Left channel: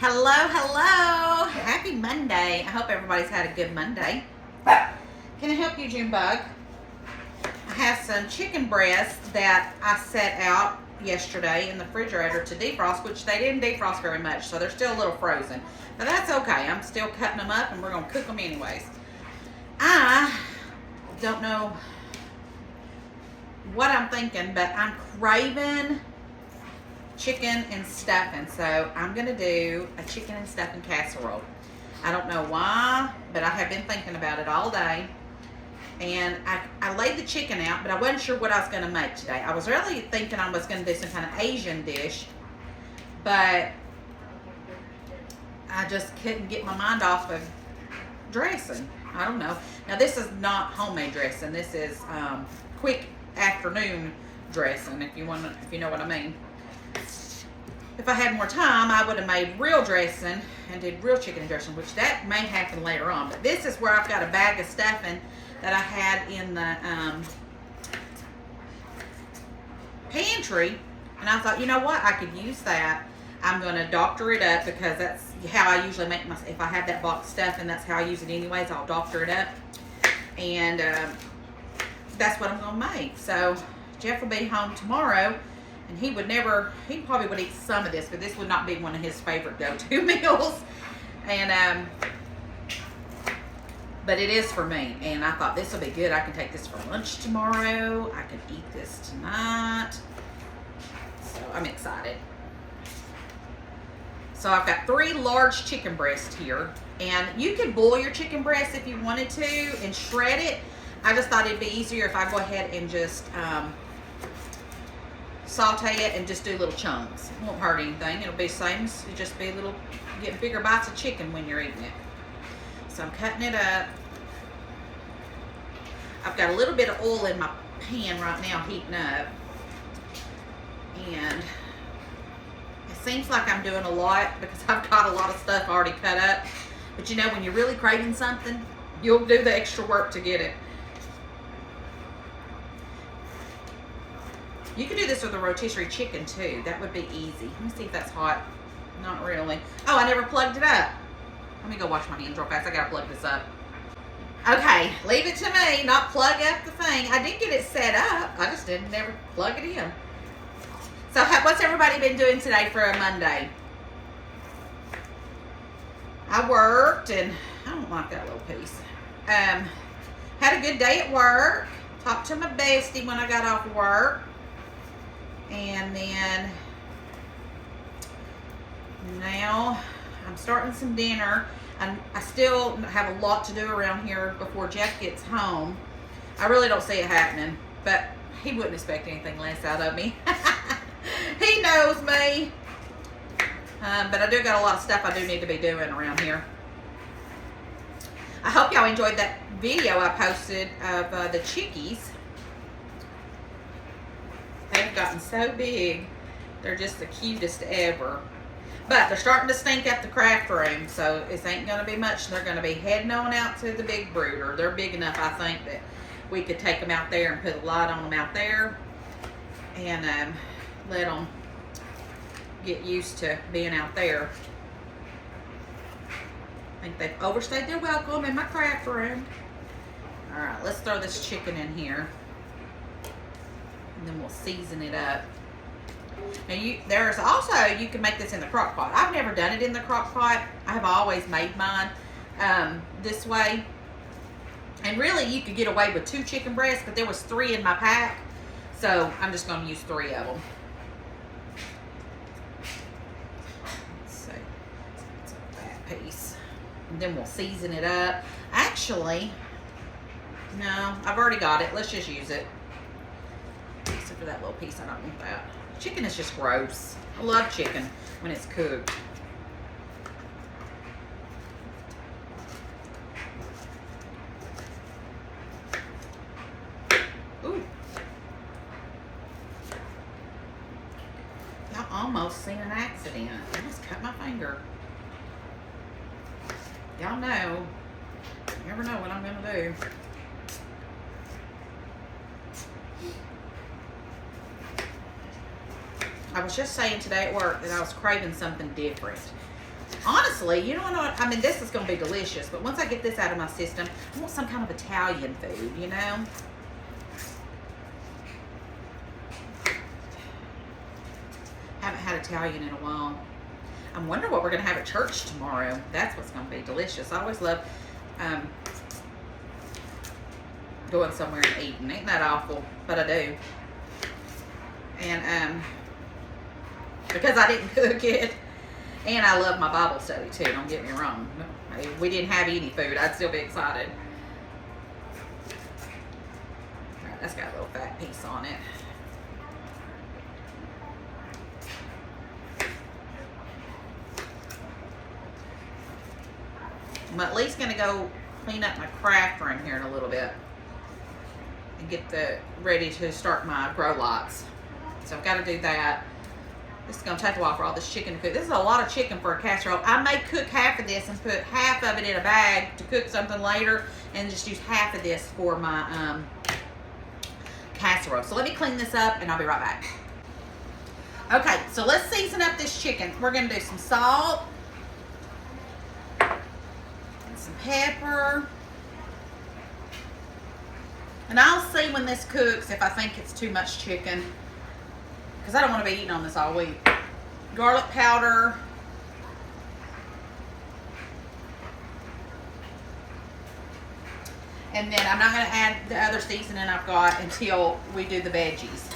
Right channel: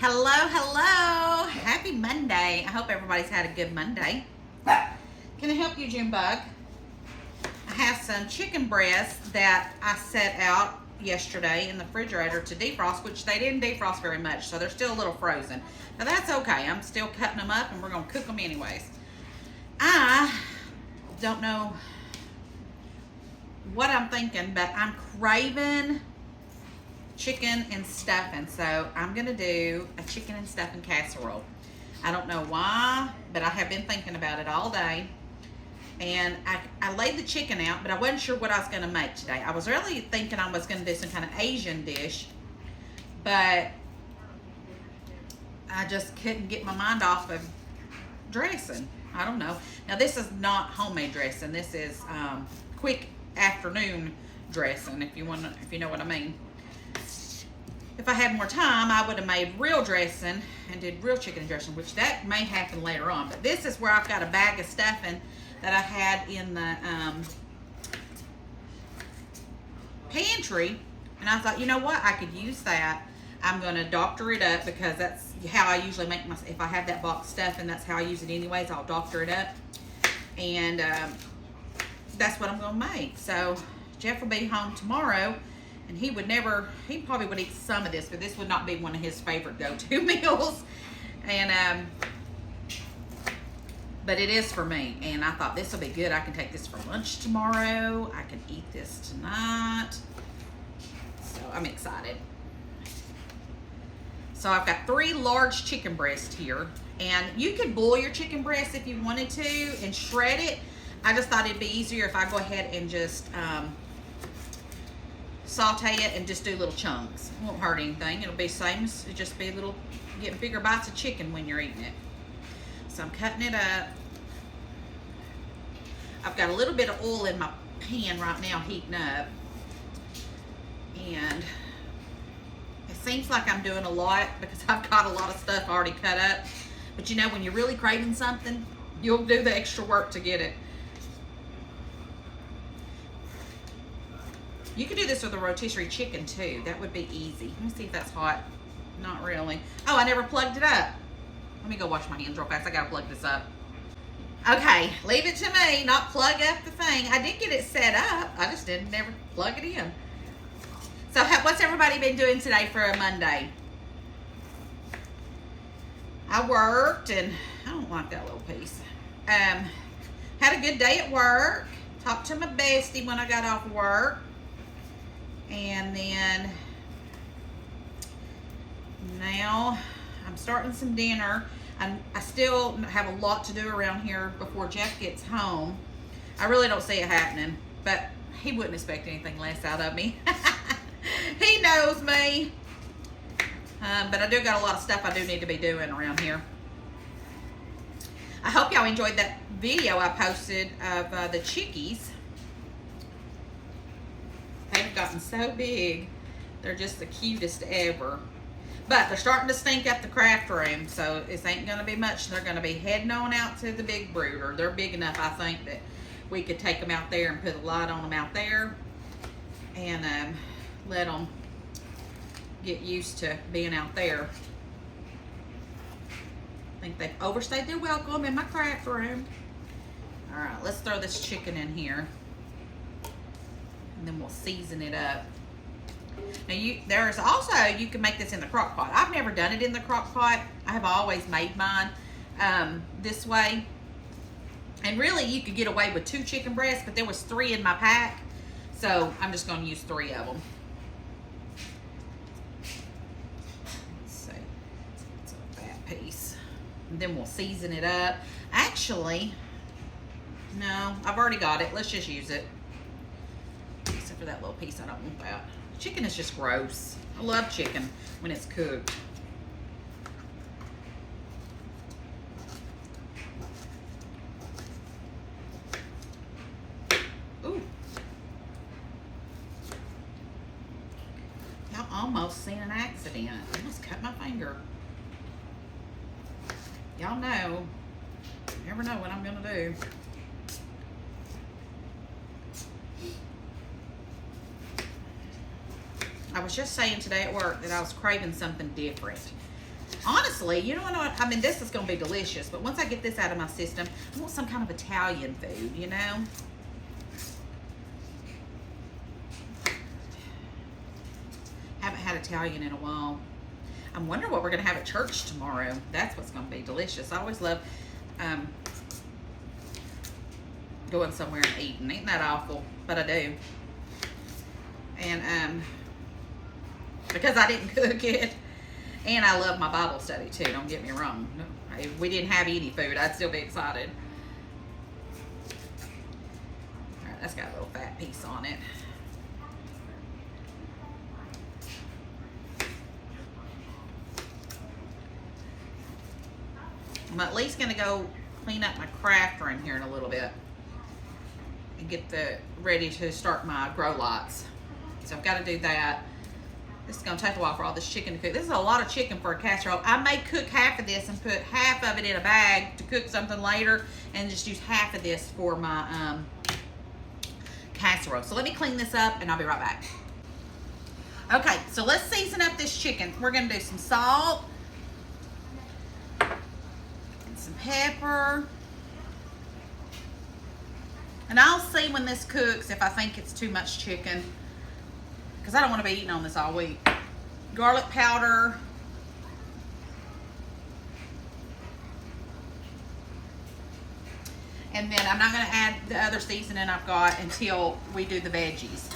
Hello, hello. Happy Monday. I hope everybody's had a good Monday. Can I help you, Junebug? I have some chicken breasts that I set out yesterday in the refrigerator to defrost, which they didn't defrost very much, so they're still a little frozen. But that's okay. I'm still cutting them up, and we're going to cook them anyways. I don't know what I'm thinking, but I'm craving chicken and stuffing, so I'm gonna do a chicken and stuffing casserole. I don't know why, but I have been thinking about it all day, and I laid the chicken out, but I wasn't sure what I was gonna make today. I was really thinking I was gonna do some kind of Asian dish, but I just couldn't get my mind off of dressing. I don't know. Now this is not homemade dressing. This is quick afternoon dressing, if you know what I mean. If I had more time, I would have made real dressing and did real chicken dressing, which that may happen later on. But this is where I've got a bag of stuffing that I had in the pantry, and I thought, you know what, I could use that. I'm going to doctor it up because that's how I usually make my, if I have that box stuffing, that's how I use it anyways. I'll doctor it up, and that's what I'm going to make. So Jeff will be home tomorrow, and he probably would eat some of this, but this would not be one of his favorite go-to meals. And but it is for me, and I thought this will be good. I can take this for lunch tomorrow. I can eat this tonight. So I'm excited. So I've got 3 large chicken breasts here, and you can boil your chicken breast if you wanted to and shred it. I just thought it'd be easier if I go ahead and just saute it and just do little chunks. It won't hurt anything. It'll be the same as it just be get bigger bites of chicken when you're eating it. So I'm cutting it up. I've got a little bit of oil in my pan right now heating up, and it seems like I'm doing a lot because I've got a lot of stuff already cut up. But you know, when you're really craving something, you'll do the extra work to get it. You could do this with a rotisserie chicken too. That would be easy. Let me see if that's hot. Not really. Oh, I never plugged it up. Let me go wash my hands real fast. I gotta plug this up. Okay, leave it to me, not plug up the thing. I did get it set up. I just didn't never plug it in. So what's everybody been doing today for a Monday? I worked, and I don't like that little piece. Had a good day at work. Talked to my bestie when I got off work. And then now I'm starting some dinner. I still have a lot to do around here before Jeff gets home. I really don't see it happening, but he wouldn't expect anything less out of me. He knows me. But I do got a lot of stuff I do need to be doing around here. I hope y'all enjoyed that video I posted of the chickies. They've gotten so big. They're just the cutest ever. But they're starting to stink at the craft room, so it ain't going to be much. They're going to be heading on out to the big brooder. They're big enough, I think, that we could take them out there and put a light on them out there and let them get used to being out there. I think they've overstayed their welcome in my craft room. All right, let's throw this chicken in here, and then we'll season it up. Now there's also, you can make this in the crock pot. I've never done it in the crock pot. I have always made mine this way. And really you could get away with 2 chicken breasts, but there was 3 in my pack. So I'm just going to use 3 of them. Let's see. It's a fat piece. And then we'll season it up. Actually, no, I've already got it. Let's just use it. Except for that little piece, I don't want that. Chicken is just gross. I love chicken when it's cooked. Ooh. Y'all almost seen an accident. I just cut my finger. Y'all know. You never know what I'm gonna do. I was just saying today at work that I was craving something different. Honestly, you know what? I mean, this is going to be delicious, but once I get this out of my system, I want some kind of Italian food, you know? Haven't had Italian in a while. I wonder what we're going to have at church tomorrow. That's what's going to be delicious. I always love going somewhere and eating. Ain't that awful? But I do. And because I didn't cook it. And I love my Bible study too, don't get me wrong. If we didn't have any food, I'd still be excited. All right, that's got a little fat piece on it. I'm at least gonna go clean up my craft room here in a little bit and get ready to start my grow lights. So I've got to do that. This is going to take a while for all this chicken to cook. This is a lot of chicken for a casserole. I may cook half of this and put half of it in a bag to cook something later and just use half of this for my casserole. So let me clean this up and I'll be right back. Okay, so let's season up this chicken. We're going to do some salt and some pepper. And I'll see when this cooks if I think it's too much chicken, because I don't want to be eating on this all week. Garlic powder. And then I'm not going to add the other seasoning I've got until we do the veggies.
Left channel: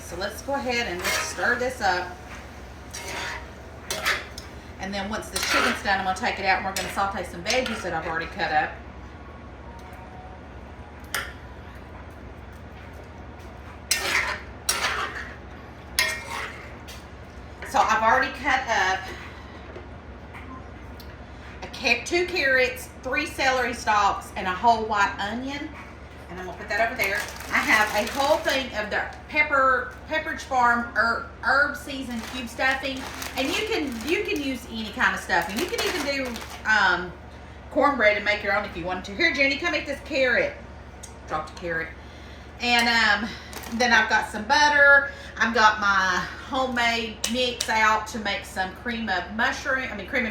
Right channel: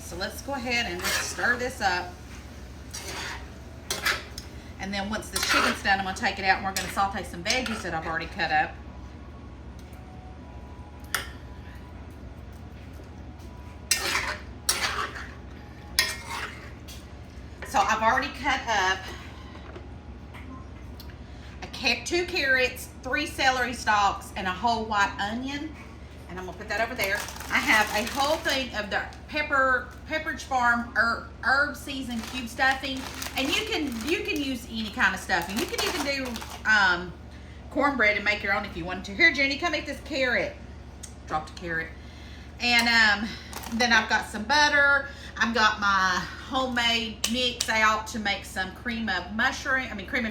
So let's go ahead and just stir this up. And then once the chicken's done, I'm going to take it out and we're going to saute some veggies that I've already cut up. So I've already cut up 2 carrots, 3 celery stalks, and a whole white onion. And I'm gonna put that over there. I have a whole thing of the Pepperidge Farm herb seasoned cube stuffing, and you can use any kind of stuffing. You can even do cornbread and make your own if you want to. Here, Jenny, come eat this carrot. Dropped a carrot. And then I've got some butter. I've got my homemade mix out to make some cream of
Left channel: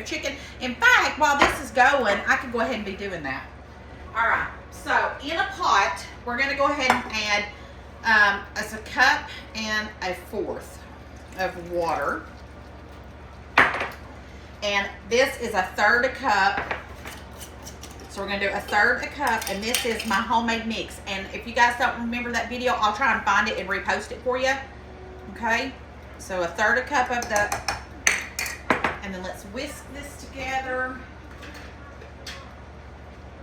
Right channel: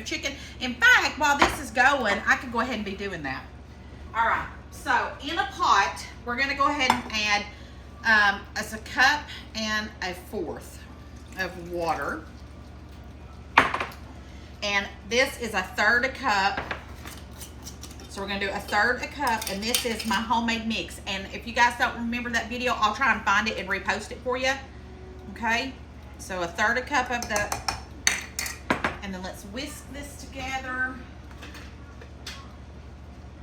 chicken. In fact, while this is going, I could go ahead and be doing that. All right, so in a pot, we're gonna go ahead and add as a cup and 1/4 of water. And this is 1/3 cup. So we're gonna do 1/3 cup, and this is my homemade mix. And if you guys don't remember that video, I'll try and find it and repost it for you. Okay, so 1/3 cup of and then let's whisk this together.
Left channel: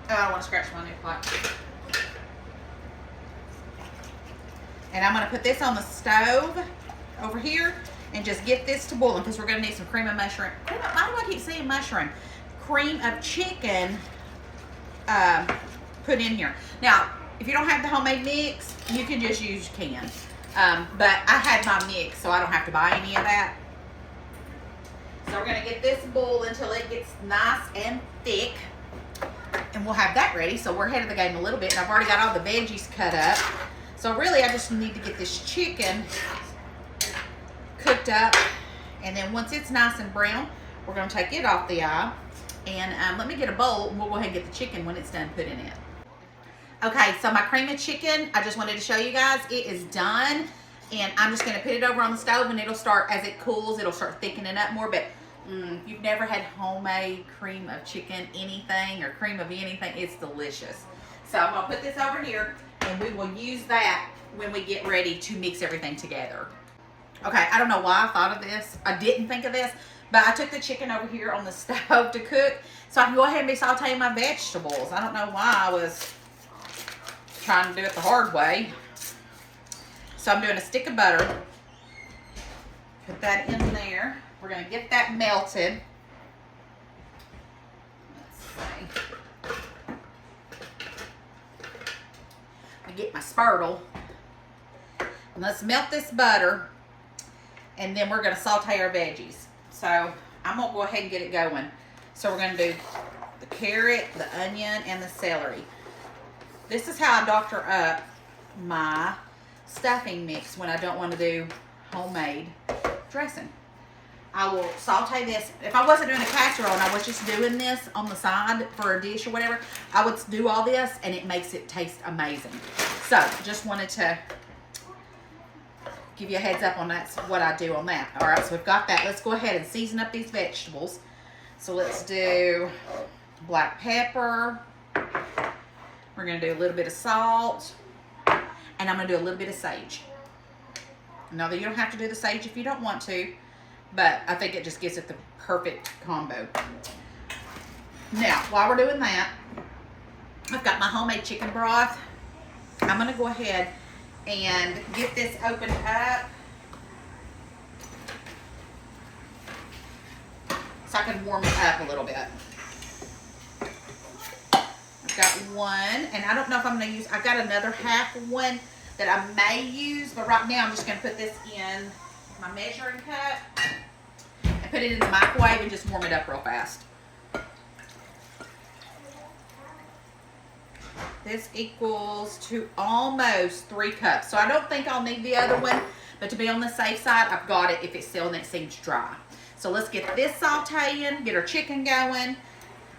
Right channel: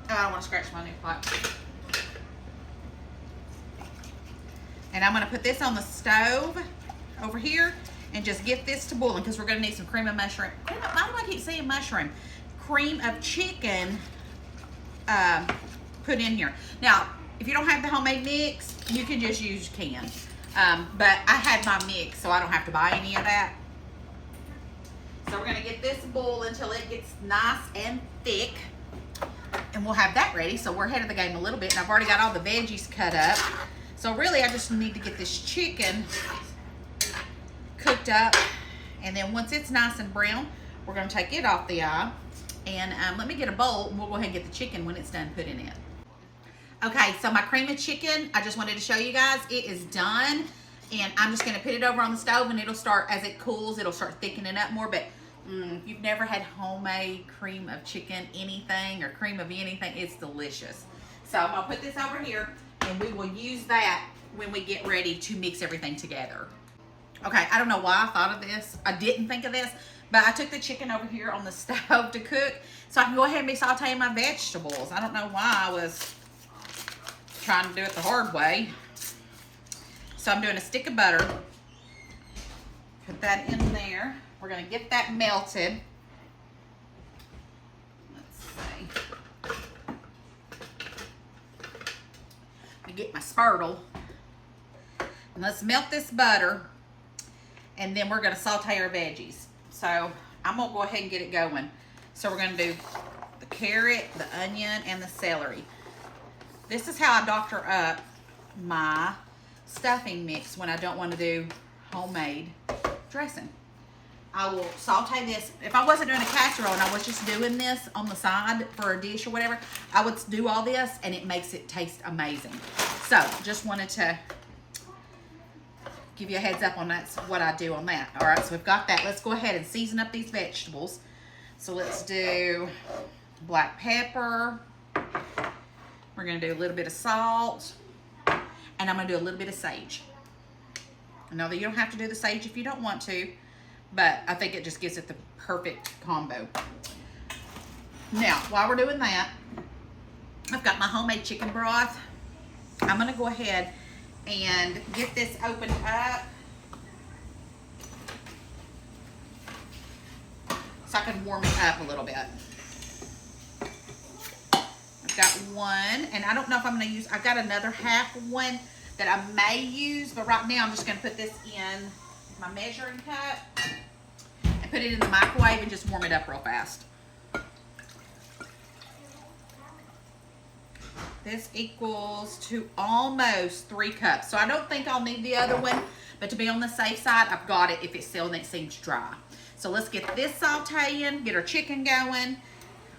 Oh, I don't want to scratch my neck like. And I'm gonna put this on the stove over here and just get this to boiling, because we're gonna need some cream of mushroom. Why do I keep saying mushroom? Cream of chicken. Put in here. Now, if you don't have the homemade mix, you can just use canned. But I had my mix, so I don't have to buy any of that. So we're gonna get this boiled until it gets nice and thick, and we'll have that ready. So we're ahead of the game a little bit, and I've already got all the veggies cut up. So really, I just need to get this chicken cooked up, and then once it's nice and brown, we're gonna take it off the eye. And let me get a bowl, and we'll go ahead and get the chicken when it's done putting it. Okay, so my cream of chicken, I just wanted to show you guys, it is done. And I'm just gonna put it over on the stove, and it'll start, as it cools, it'll start thickening up more. But if you've never had homemade cream of chicken anything, or cream of anything, it's delicious. So I'm gonna put this over here, and we will use that when we get ready to mix everything together. Okay, I don't know why I thought of this. I didn't think of this. But I took the chicken over here on the stove to cook, so I can go ahead and be sauteing my vegetables. I don't know why I was trying to do it the hard way. So I'm doing a stick of butter. Put that in there. We're gonna get that melted. Let's see. I get my spurtle. And let's melt this butter, and then we're gonna saute our veggies. So I'm gonna go ahead and get it going. So we're gonna do the carrot, the onion, and the celery. This is how I doctor up my stuffing mix when I don't want to do homemade dressing. I will saute this. If I wasn't doing a casserole and I was just doing this on the side for a dish or whatever, I would do all this and it makes it taste amazing. So just wanted to give you a heads up on that's what I do on that. All right, so we've got that. Let's go ahead and season up these vegetables. So let's do black pepper. We're gonna do a little bit of salt, and I'm gonna do a little bit of sage. Now that you don't have to do the sage if you don't want to, but I think it just gives it the perfect combo. Now, while we're doing that, I've got my homemade chicken broth. I'm gonna go ahead and get this opened up so I can warm it up a little bit. I've got one, and I don't know if I'm gonna use, I've got another half one that I may use, but right now I'm just gonna put this in my measuring cup and put it in the microwave and just warm it up real fast. This equals to almost 3 cups. So I don't think I'll need the other one, but to be on the safe side, I've got it if it's still and it seems dry. So let's get this sauteing, get our chicken going.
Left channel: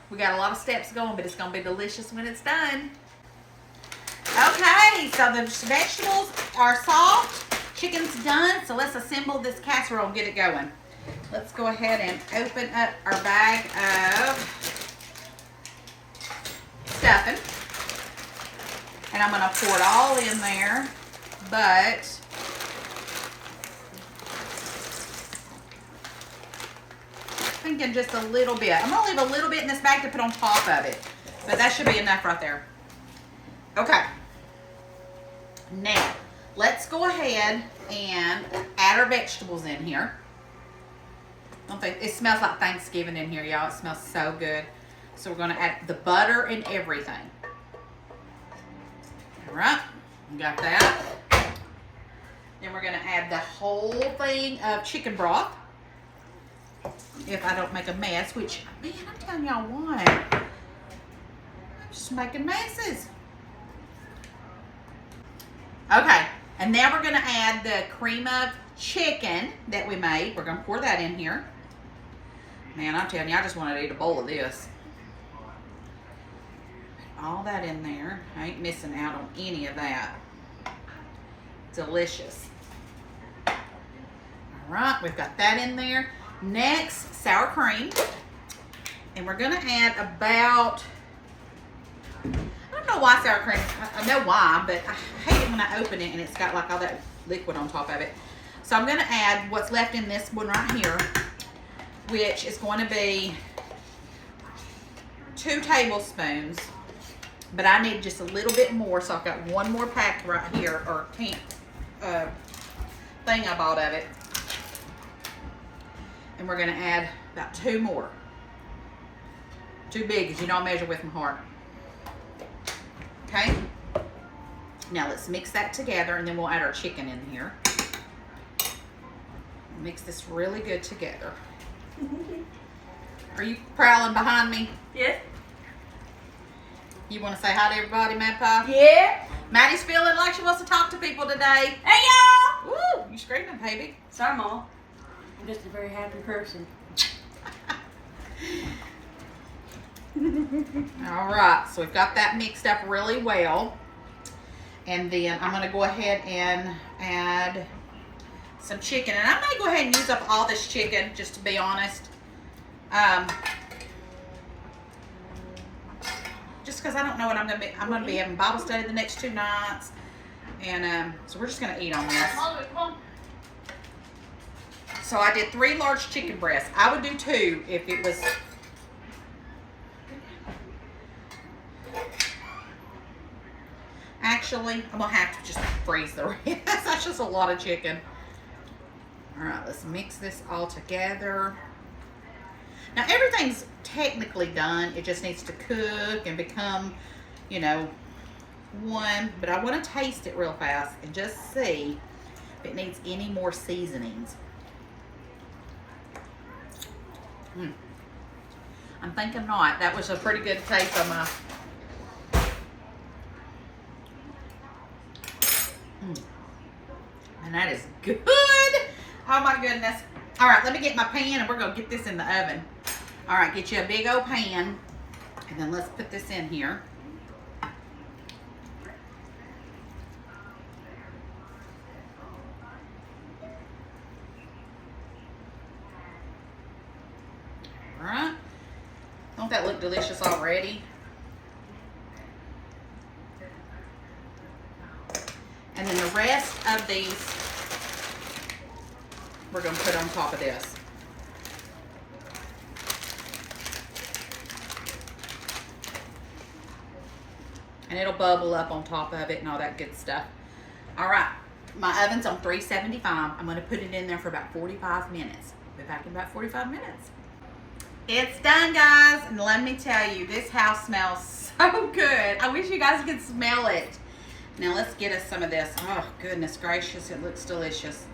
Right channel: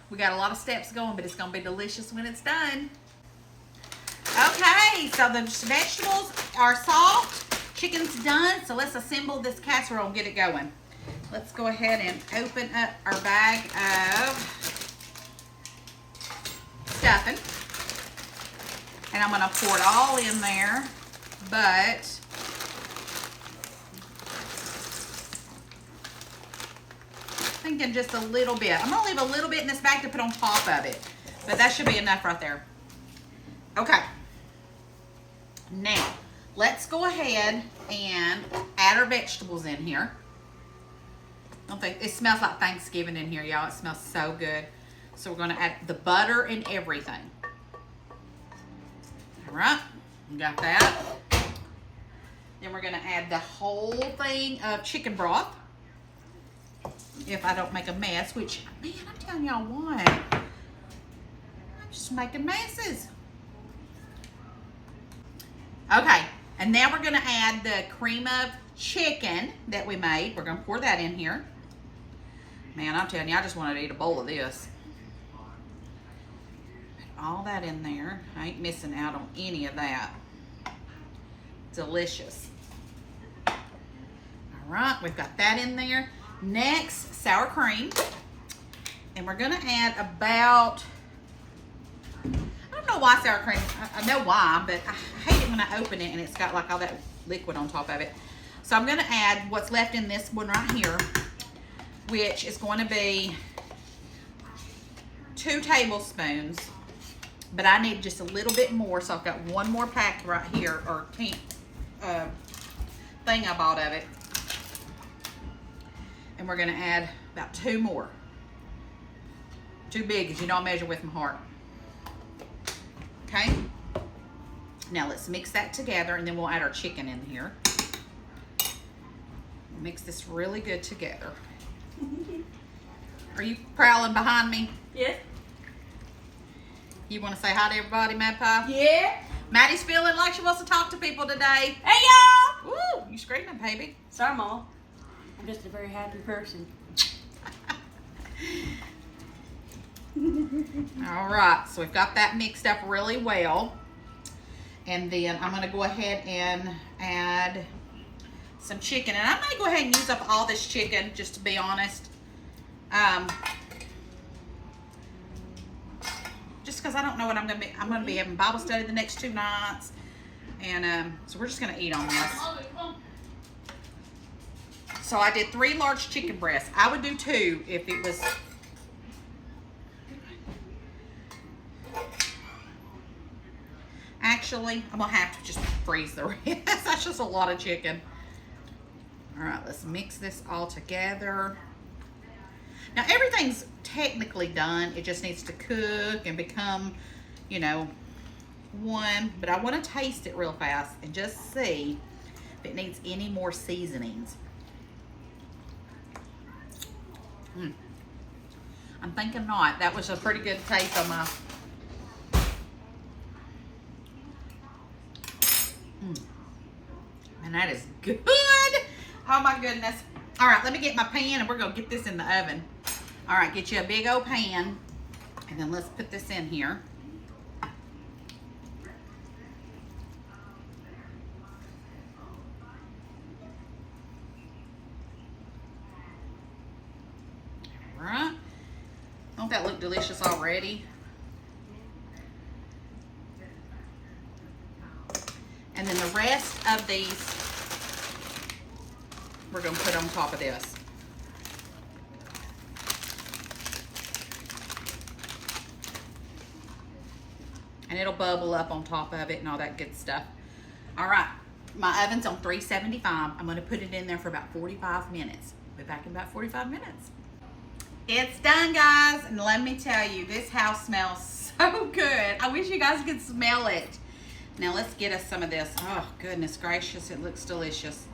We got a lot of steps going, but it's gonna be delicious when it's done. Okay, so the vegetables are soft, chicken's done, so let's assemble this casserole and get it going. Let's go ahead and open up our bag of stuffing. And I'm gonna pour it all in there, but thinking just a little bit. I'm gonna leave a little bit in this bag to put on top of it, but that should be enough right there. Okay, now let's go ahead and add our vegetables in here. I don't think it smells like Thanksgiving in here, y'all. It smells so good. So we're gonna add the butter and everything. All right, we got that. Then we're gonna add the whole thing of chicken broth. If I don't make a mess, which, man, I'm telling y'all what, I'm just making messes. Okay, and now we're gonna add the cream of chicken that we made. We're gonna pour that in here. Man, I'm telling you, I just wanted to eat a bowl of this. All that in there. I ain't missing out on any of that. Delicious. All right, we've got that in there. Next, sour cream. And we're gonna add about, I don't know why sour cream, I know why, but I hate it when I open it and it's got like all that liquid on top of it. So I'm gonna add what's left in this one right here, which is going to be 2 tablespoons. But I need just a little bit more, so I've got one more pack right here, or thing I bought of it. And we're gonna add about 2 more. Too big, as you know I measure with my heart. Okay? Now let's mix that together, and then we'll add our chicken in here. Mix this really good together. Are you prowling behind me? Yeah. You want to say hi to everybody, Mad Pie? Yeah. Maddie's feeling like she wants to talk to people today. Hey, y'all. Woo, you screaming, baby. Sorry, Mama. I'm just a very happy person. All right, so we've got that mixed up really well. And then I'm going to go ahead and add some chicken. And I may go ahead and use up all this chicken, just to be honest. Just because I don't know what I'm going to be having Bible study the next 2 nights. And so we're just going to eat on this. So I did 3 large chicken breasts. I would do 2 if it was... Actually, I'm going to have to just freeze the rest. That's just a lot of chicken. All right, let's mix this all together. Now, everything's technically done. It just needs to cook and become, you know, one. But I want to taste it real fast and just see if it needs any more seasonings. I'm thinking not. That was a pretty good taste on my... And that is good. Oh my goodness. All right, let me get my pan and we're gonna get this in the oven. All right, get you a big old pan and then let's put this in here. All right, don't that look delicious already? And then the rest of these, we're gonna put on top of this. And it'll bubble up on top of it and all that good stuff. All right, my oven's on 375. I'm gonna put it in there for about 45 minutes. Be back in about 45 minutes. It's done, guys, and let me tell you, this house smells so good. I wish you guys could smell it. Now let's get us some of this. Oh, goodness gracious, it looks delicious.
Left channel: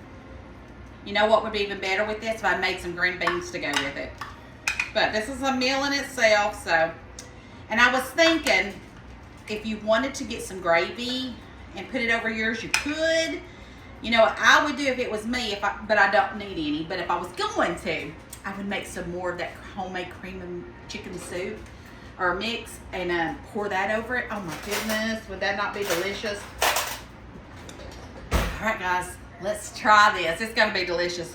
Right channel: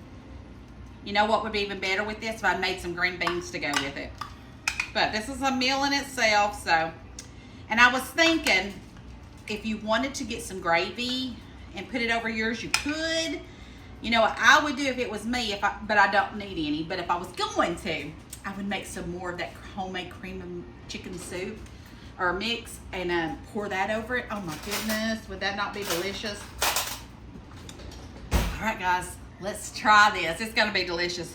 You know what would be even better with this? If I made some green beans to go with it. But this is a meal in itself, so. And I was thinking, if you wanted to get some gravy and put it over yours, you could. You know what I would do if it was me, but I don't need any. But if I was going to, I would make some more of that homemade cream and chicken soup or mix and pour that over it. Oh my goodness, would that not be delicious? All right, guys, let's try this. It's gonna be delicious.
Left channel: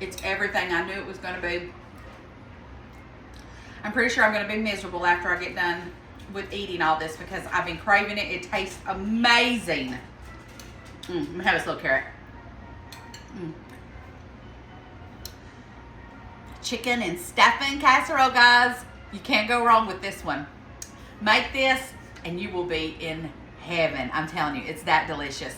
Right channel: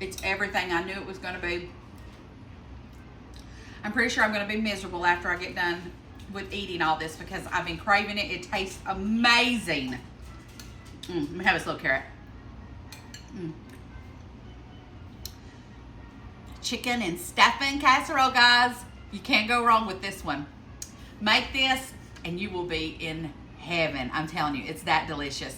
It's everything I knew it was gonna be. I'm pretty sure I'm gonna be miserable after I get done with eating all this because I've been craving it. It tastes amazing. Let me have this little carrot. Chicken and stuffing casserole, guys. You can't go wrong with this one. Make this and you will be in heaven. I'm telling you, it's that delicious.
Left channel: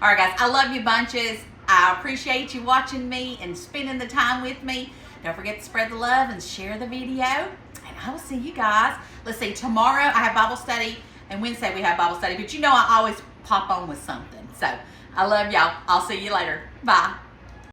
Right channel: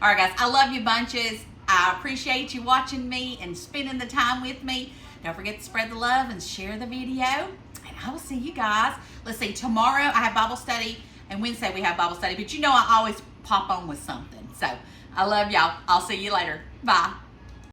All right, guys, I love you bunches. I appreciate you watching me and spending the time with me. Don't forget to spread the love and share the video. And I will see you guys. Let's see, tomorrow I have Bible study and Wednesday we have Bible study. But you know I always pop on with something. So I love y'all. I'll see you later. Bye.